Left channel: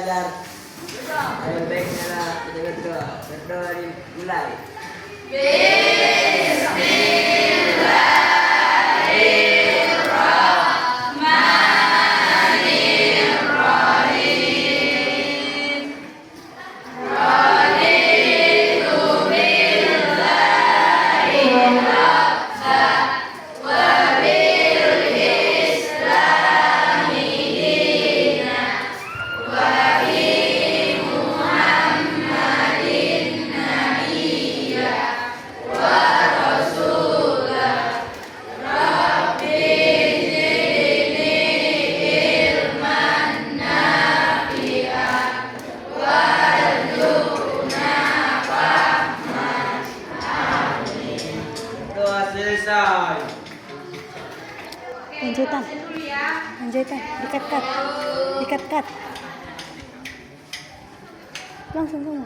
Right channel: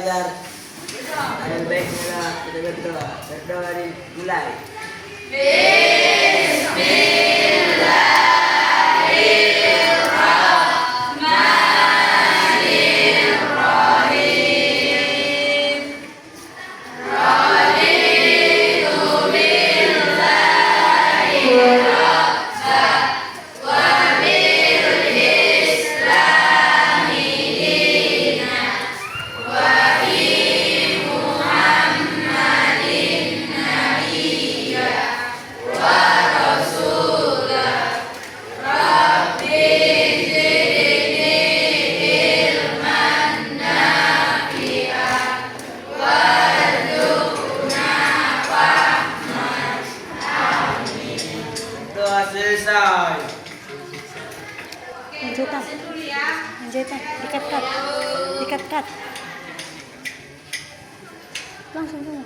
belajar. Ada baik mula kita berdoa. Berdoa dimulai. Selesai. Lanjutan. Lanjutan. Dikat-kat. Dikat-kat. Langsung semua.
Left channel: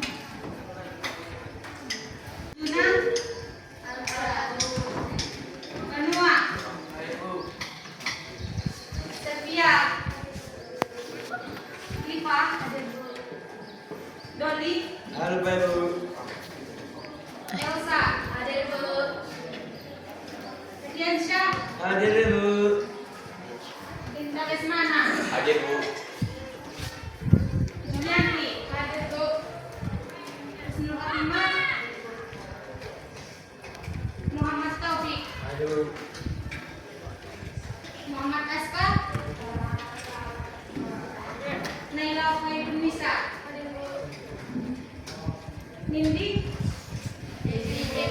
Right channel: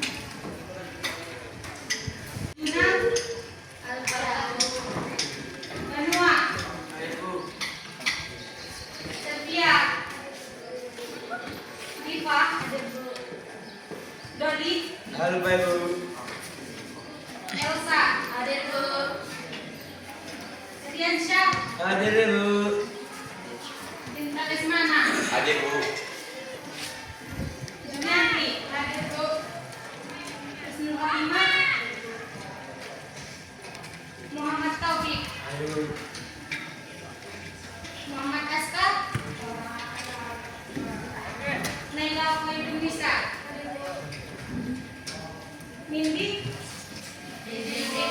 Halo Pak Ibu. Elsa, hadir Bu. Riansyah, Hadir Bu. Indra Lesmana, Hadir Bu. Julianti, hadir Bu. Isnur Halimah, Muhammad Taufik, Hadir Bu. Muhammad Aska, Naila Faidunisa, hadir Bu. Nindi, hadir Bu.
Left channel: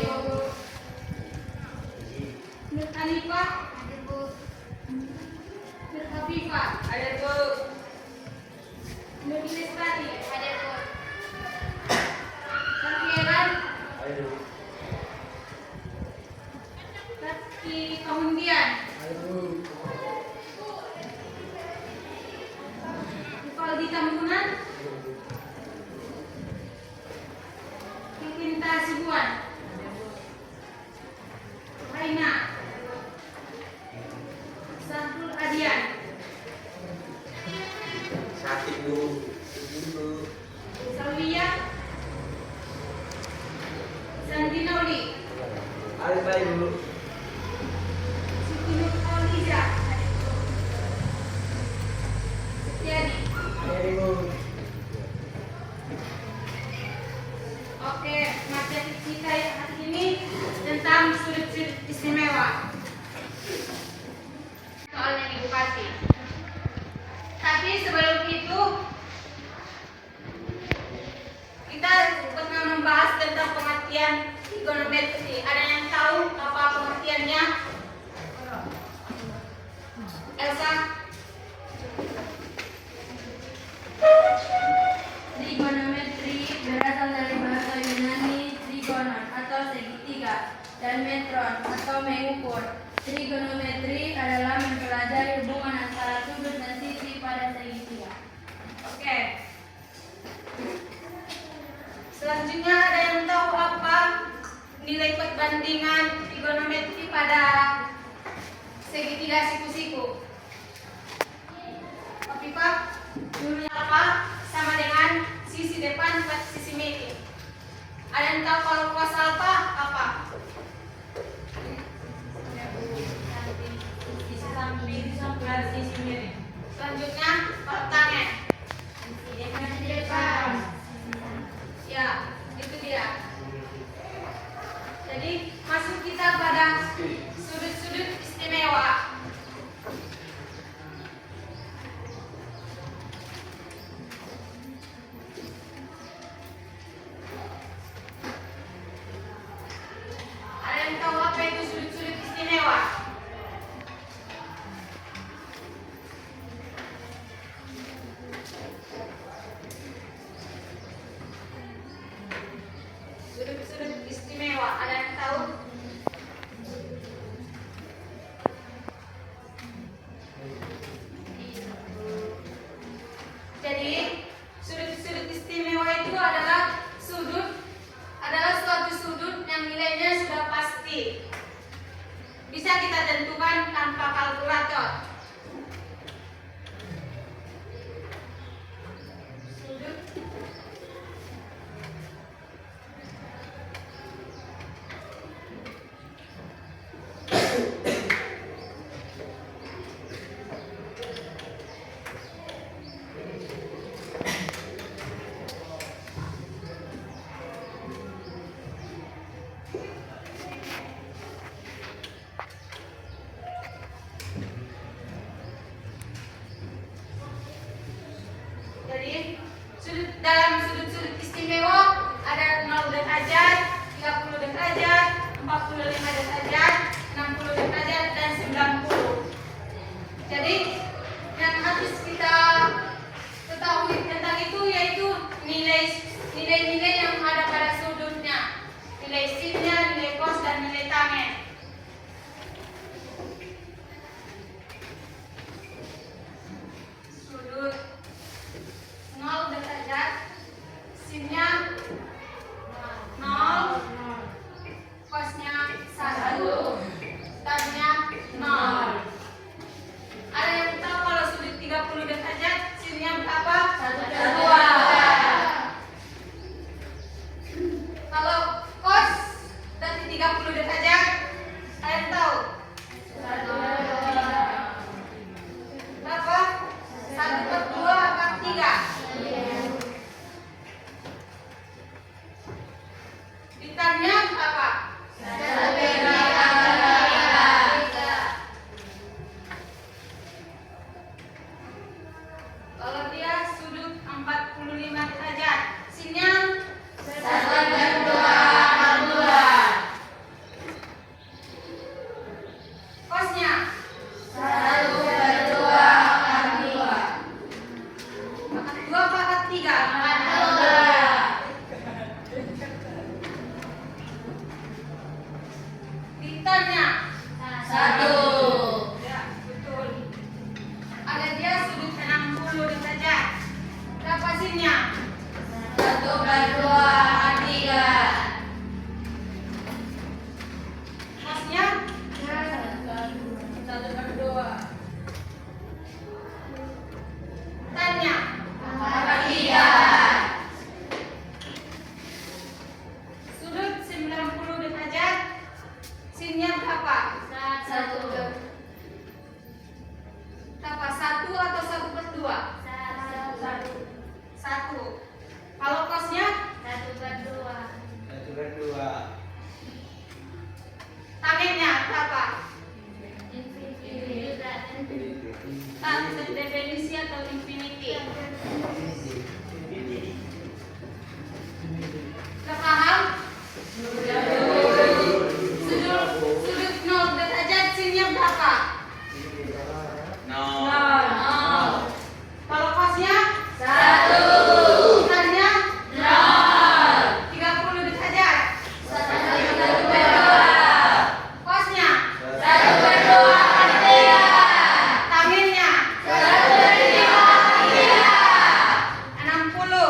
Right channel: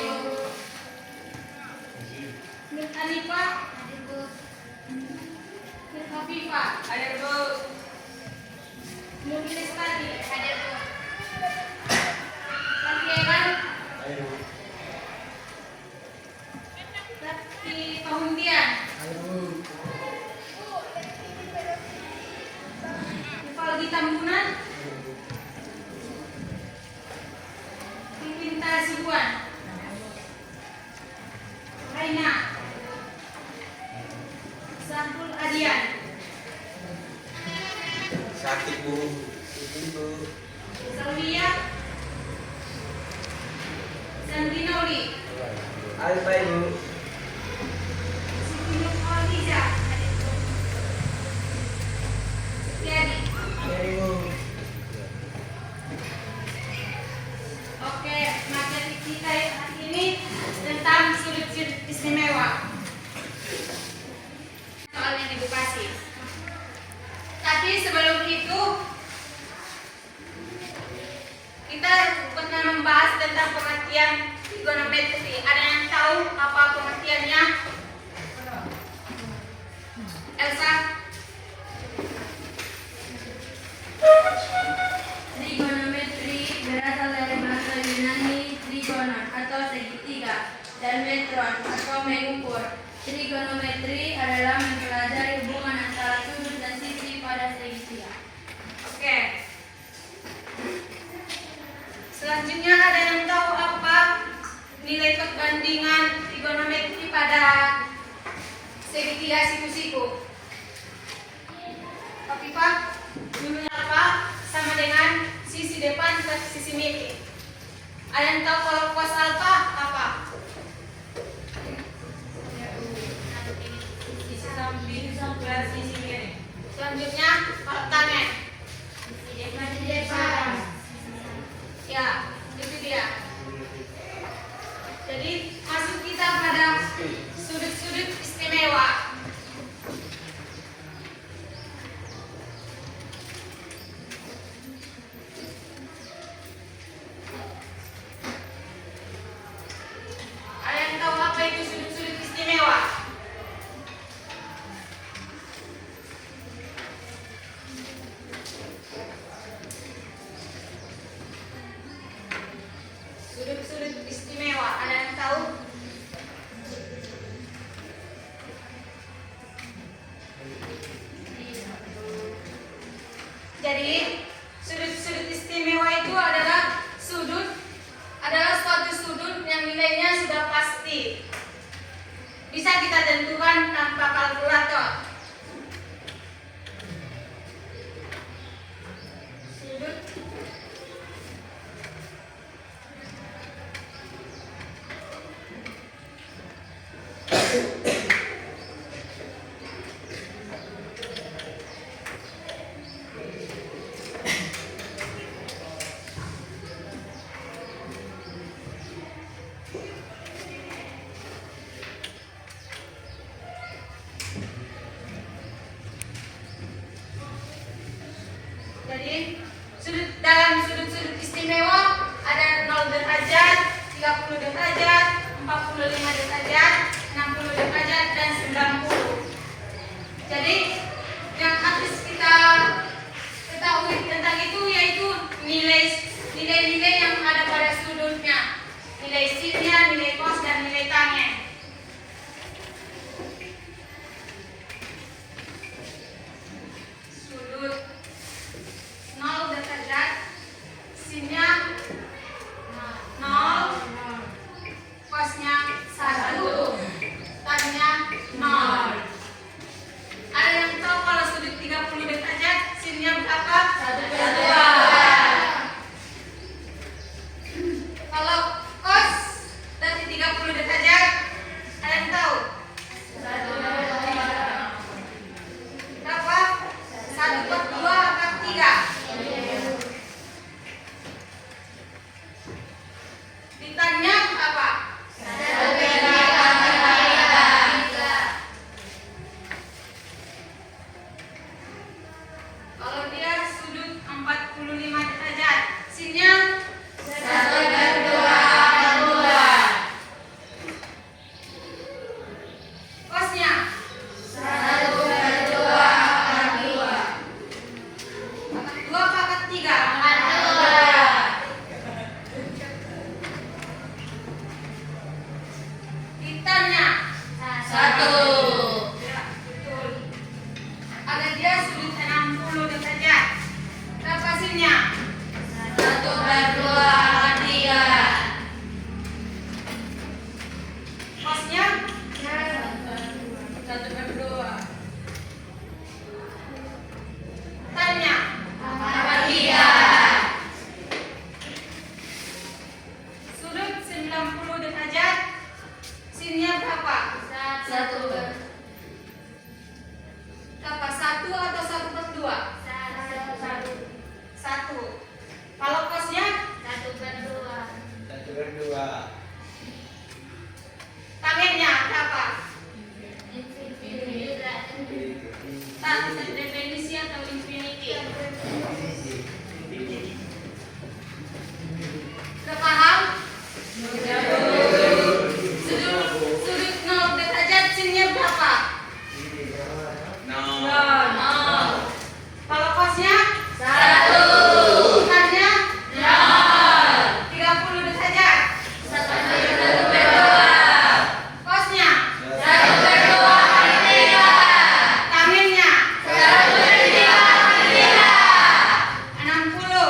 Nur Hanifah, hadir Bu. Nur Hafifah, hadir Bu. Nur Lestari, hadir Bu. Rafielan, Hadir Bu. Raffi Kahundian, Hadir Bu. Rivaldi Tambunan, Riwinta Sibuan, Raina, Sahrul Adian, Sakit Bu. Bu. Saulia, Sandinauli, Halo Pak Ibu. Siti Nur Khaliza, Setiadi. Hadir Bu. Oke, materi kita hari ini tentang sudut-sudut istimewa. Soalnya edukasi. Tapi sebelum itu kita pernah membahas tentang pengertian trigonometri. Ada yang tahu apa pengertiannya? Elsa? Trigonometri berasal dari bahasa Yunani trigonon atau segitiga dan metron atau mengukur. Trigonometri adalah mempelajari hubungan antara sudut dan sisi pada segitiga. Oke. Selanjutnya ada yang tahu apa nilai perbandingan trigonometri pada segitiga siku-siku? Pak, dulunya apa sama dengan sisi depan ke sisi miring? Ada yang tahu kalau cos alpha apa? Sisi samping ke sisi miring. Selanjutnya kalau tanya ya, itu dia. Jadi masuk kita pada sudut-sudut istimewa. Ada yang tahu apa itu sudut-sudut istimewa? dalam sudut-sudut istimewa ada 0 derajat, 30 derajat, 45 derajat, 60 derajat, dan 90. Jadi yang harus kita ketahui tentang itu yaitu nilai-nilai yang ada pada sudutnya, nilai sinnya, nilai cos, dan nilai tangen. Sudut 0 derajat, sinnya 0, cosnya 1, tannya 0. Ada yang tahu kalau sudut 30 derajat sinnya berapa? 1/2. Kalau cos dari 30 derajat ada yang tahu? 1/3. Berapa? 1/2 apa 3? Ditanya apa? 1/3. Kalau dia sudut 45 derajat, sinnya 1/2. Cosnya 1/2. 2 apa 3? 2. Ditanya 1. Ya, betul. Ada dia sudut 60 derajat. Berapa sinnya? 1/2/3. Cosnya 1/2. Tanya 3. Sudut 90 derajat, sinnya berapa? 1. Berapa? 1 atau 1/2? 1. Kalau cosnya 1/2. 1/2. tangennya berapa? Tan definisi atau infinity? Sudah paham? Sudut 0 derajat sinnya berapa? 0. Kalau cosnya 1. Tannya 0. 30 derajat 1/2. Cosnya 1/2/3. Tangennya 1/3/3. 60.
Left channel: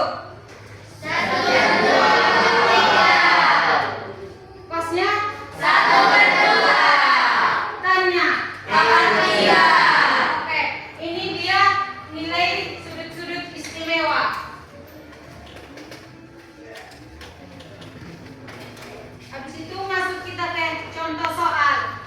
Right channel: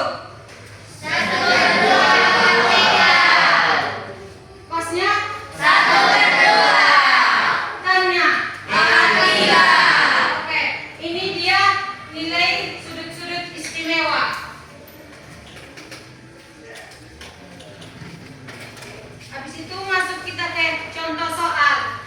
1/2/3. Cosnya 1/2. Tannya 3. Oke, ini dia nilai sudut-sudut istimewa. Habis itu masuk kita ke contoh soal.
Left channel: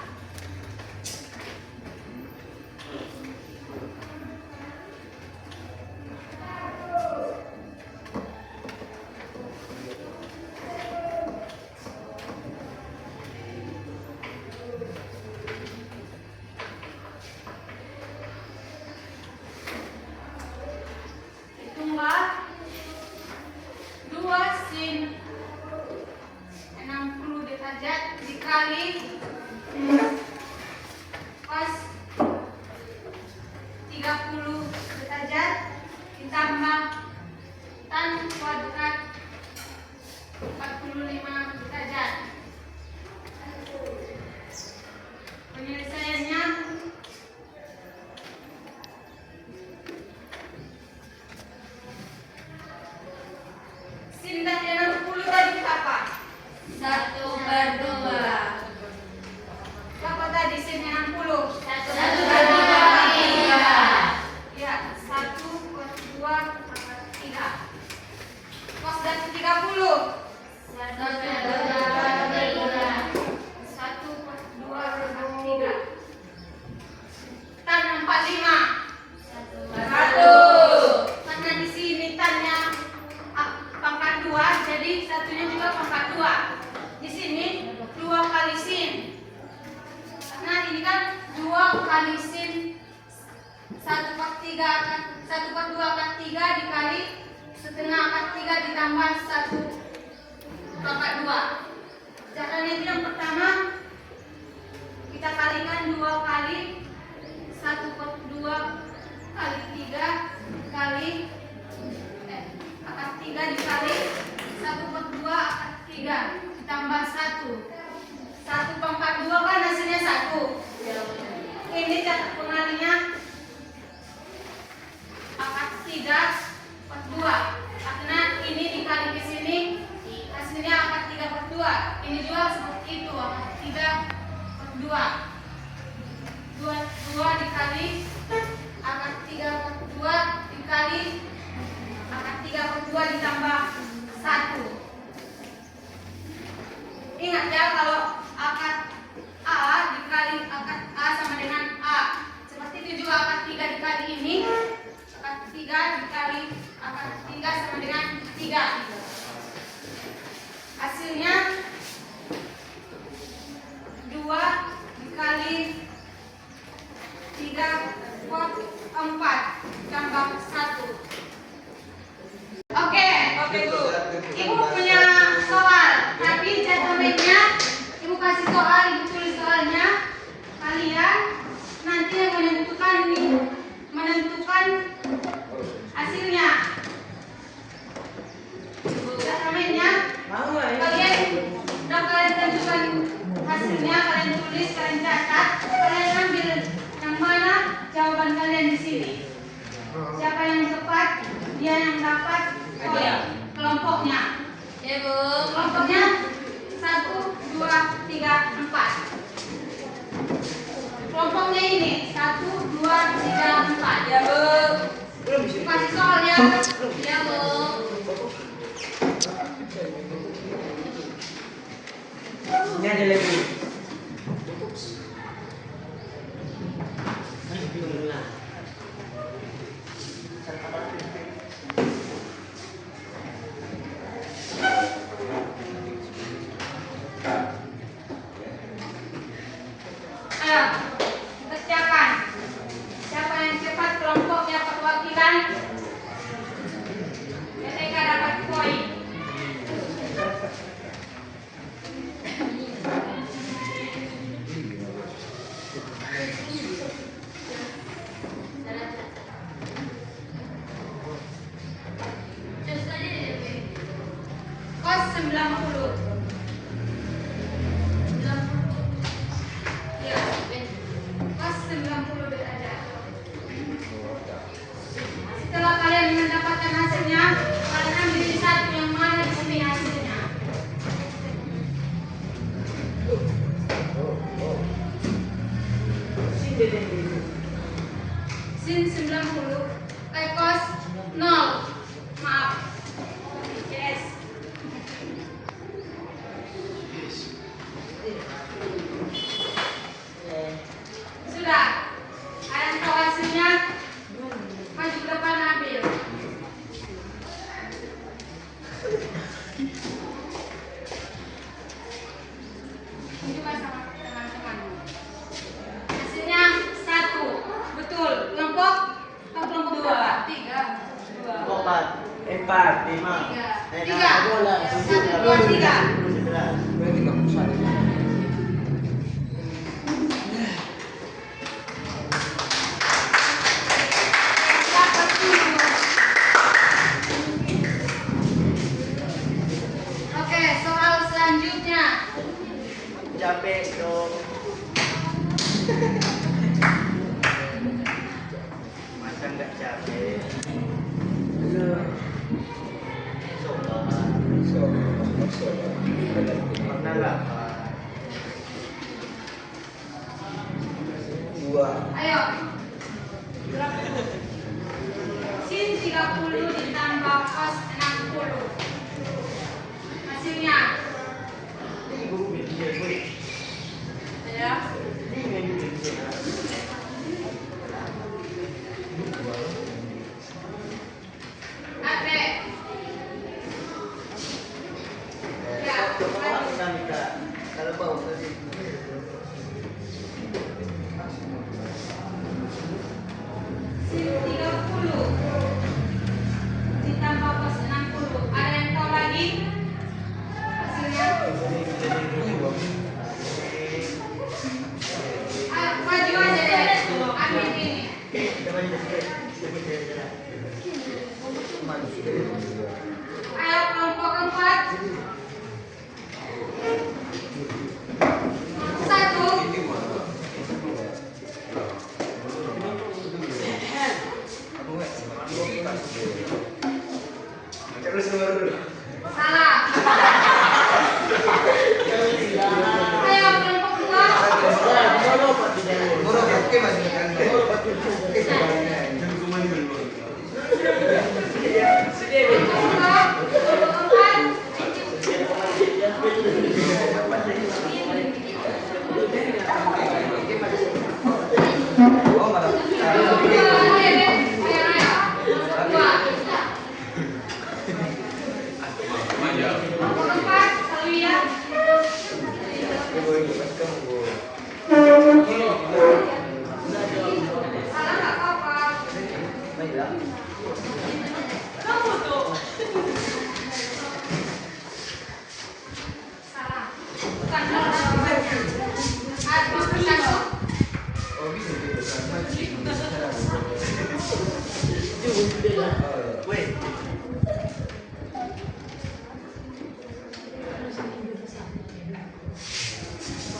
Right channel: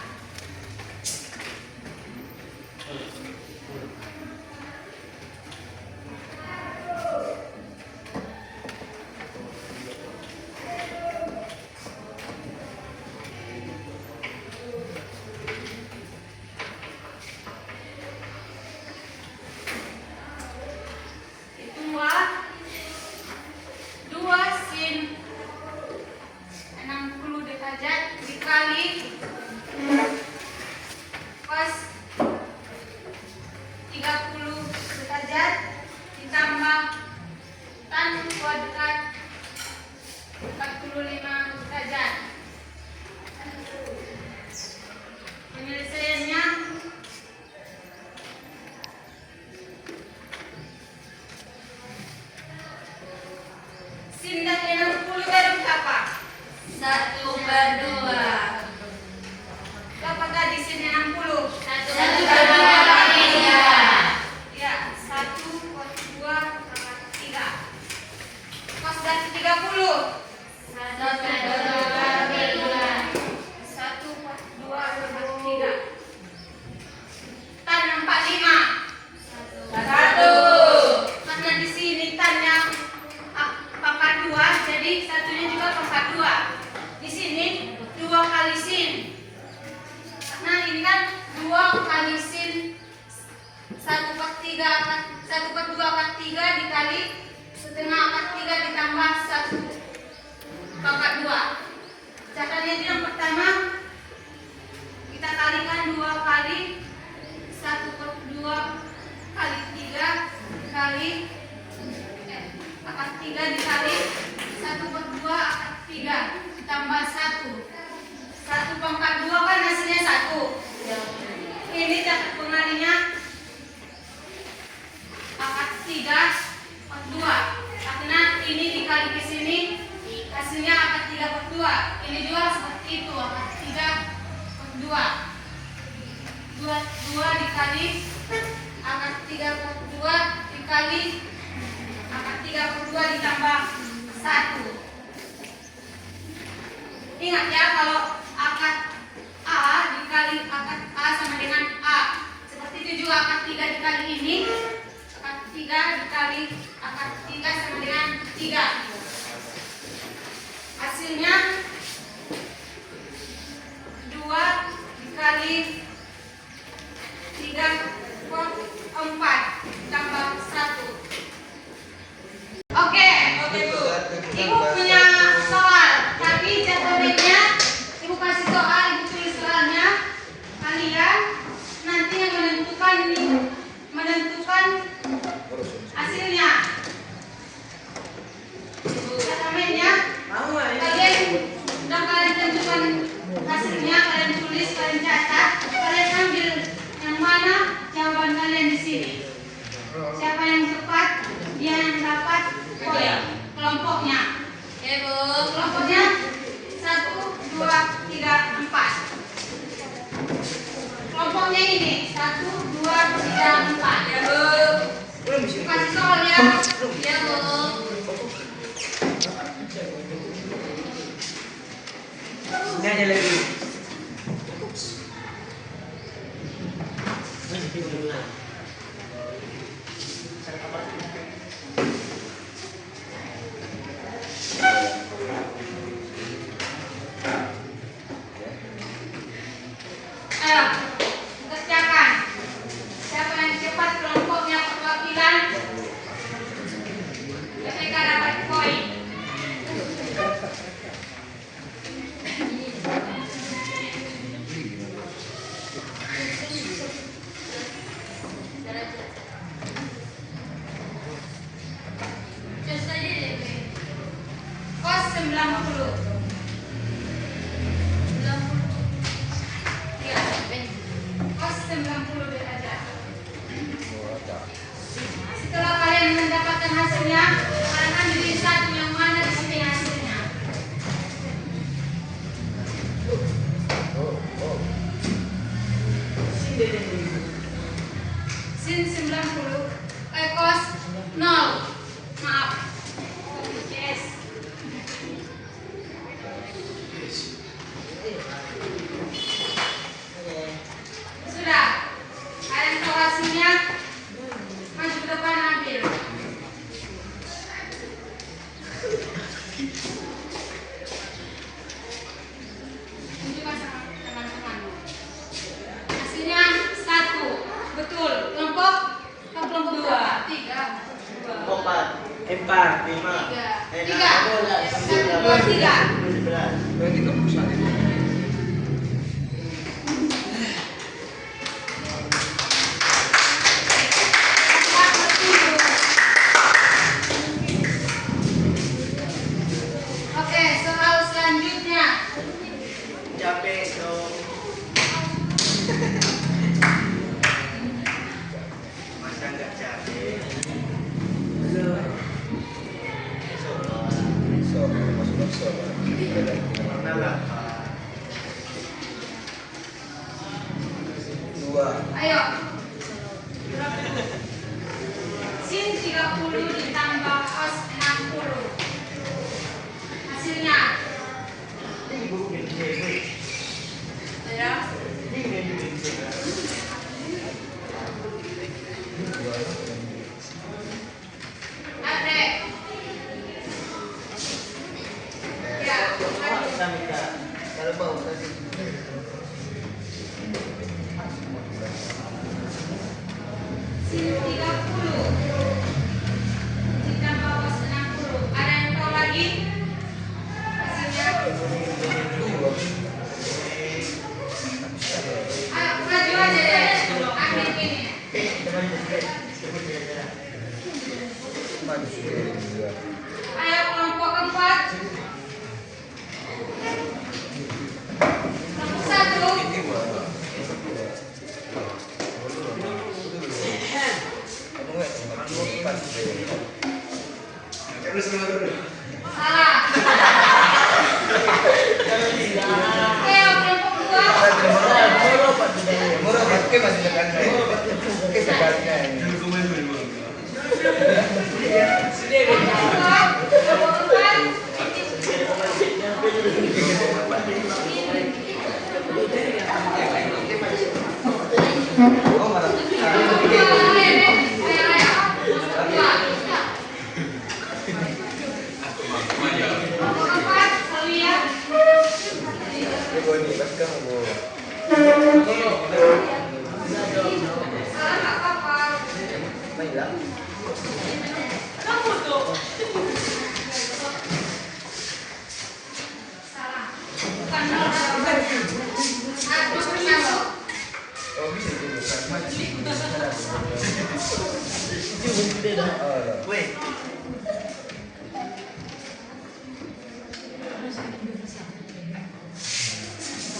Hitunglah 2 sin 60 derajat dikali cos 30 derajat ditambah tan kuadrat 45 derajat. Penyelesaiannya sin dari 60 tadi berapa? 1/2. Berapa tadi sin 60? 1/2/3. Ya, 1/2/3. Cos dari 30 1/2/3. 1/2/3. Tan 45 1. karena di sini tannya pangkat 2, jadi satunya juga pangkat 2. Di sini 2 kali sin. Karena ini kan 2 kali sin 1/3 1/2/3 dikali setengah akar 3 ditambah 1. 1 pangkat 2 kan hasilnya 1. Ini catat pengalinya akar 3 per 2. Karena ini dikali ke sini hasilnya akar 3 per 2. Ini juga seperti itu, akar 3 per 2. 2 dikali akar 3 per 2 dikali akar 3 per 2 ditambah 1. Ingat ya, kalau akar A dikali akar A sama dengan A. Seperti itu juga akar 3 dikali ini. Akar 3 dikali akar 3 sama dengan 3. Hasilnya 2 dikali 3 per 4 tambah 1. Oke, Bu. Ibu punya soal, tapi jadwalnya Ibu kasih soal, Ibu tulis soalnya. Kalian nanti yang menentukan hasilnya. Jadwalnya kalian tentukan hasilnya, kalian tulis, kalian catat, kalian ambil yang mana jawaban kalian di sini. Siapa yang tepat, dia yang dapat poin. Kelompoknya. Oke, Bu. Kelompoknya 1, 2, 3, 4. Kelompoknya ini 1, 2, 3, 4. Ya, Bu. Kasih soalnya. Ya, Bu. Ini ada lagi. Ayo, kerjakan. Siapa yang cepat kelompoknya perwakilan, mereka dapat poin. Kos 90. Kos 90 ada. Setelah kalian mendapatkan hasilnya, kalian ambil satu yang mana di sini hasilnya. Sin 90. Kos 0. Maaf. Yes. Sudah. Kalian tahu hasilnya? Maju ke depan ambil. Tunjukkan sama teman-temanmu. Hasilnya 1. Betul. Kelompok 2. 3. 4, 5, 3. 1, 2, 3. Oke, soal selanjutnya. Capek dong. Masa nggak capek? Mana 2. Ayo. Sin 30 ditambah cos 60. Hasilnya. Ya. Adek. Ya. Kalau bau tadi. Sin 30 ditambah cos 60. Ada yang tahu lagi? Hasilnya. Ayo, maju aja deh. Ambil ini. Ayo kelompok keempat. Salah. Ayo kelompok 2. Moro oke masih dekat. Oke sekalinya. Oh malah.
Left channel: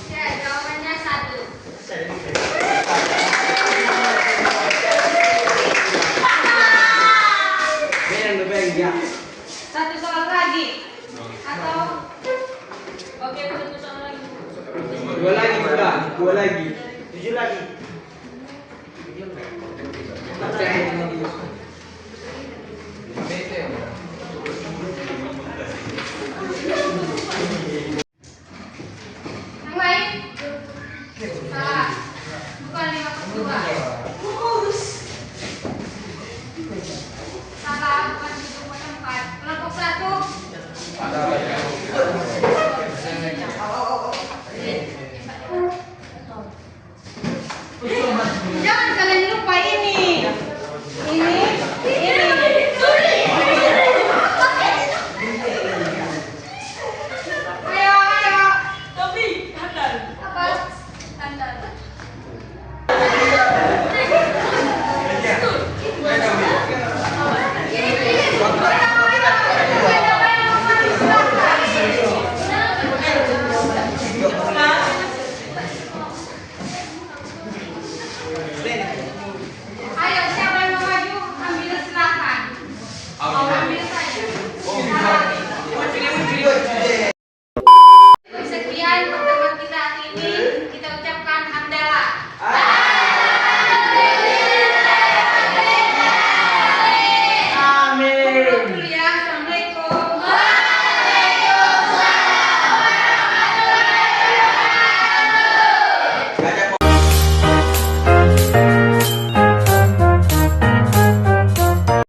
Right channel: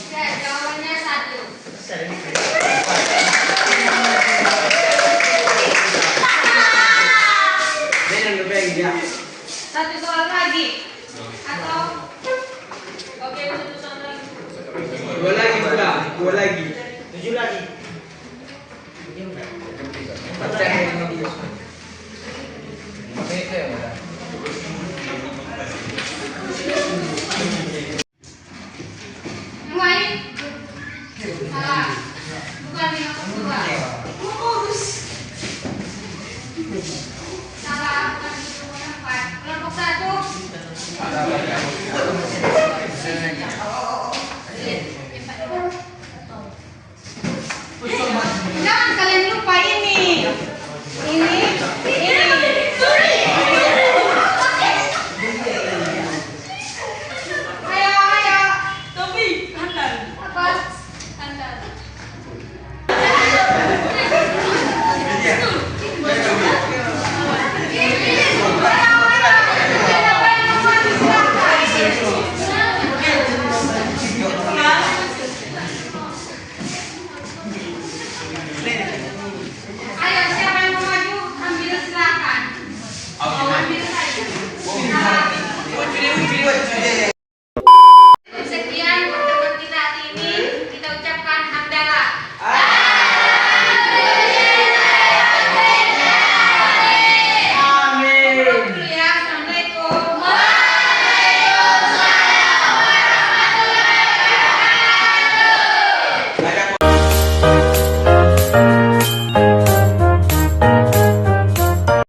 Ya, jawabannya 1. Satu soal lagi. Atau oke, satu soal lagi. Dua lagi. 7 lagi. Baca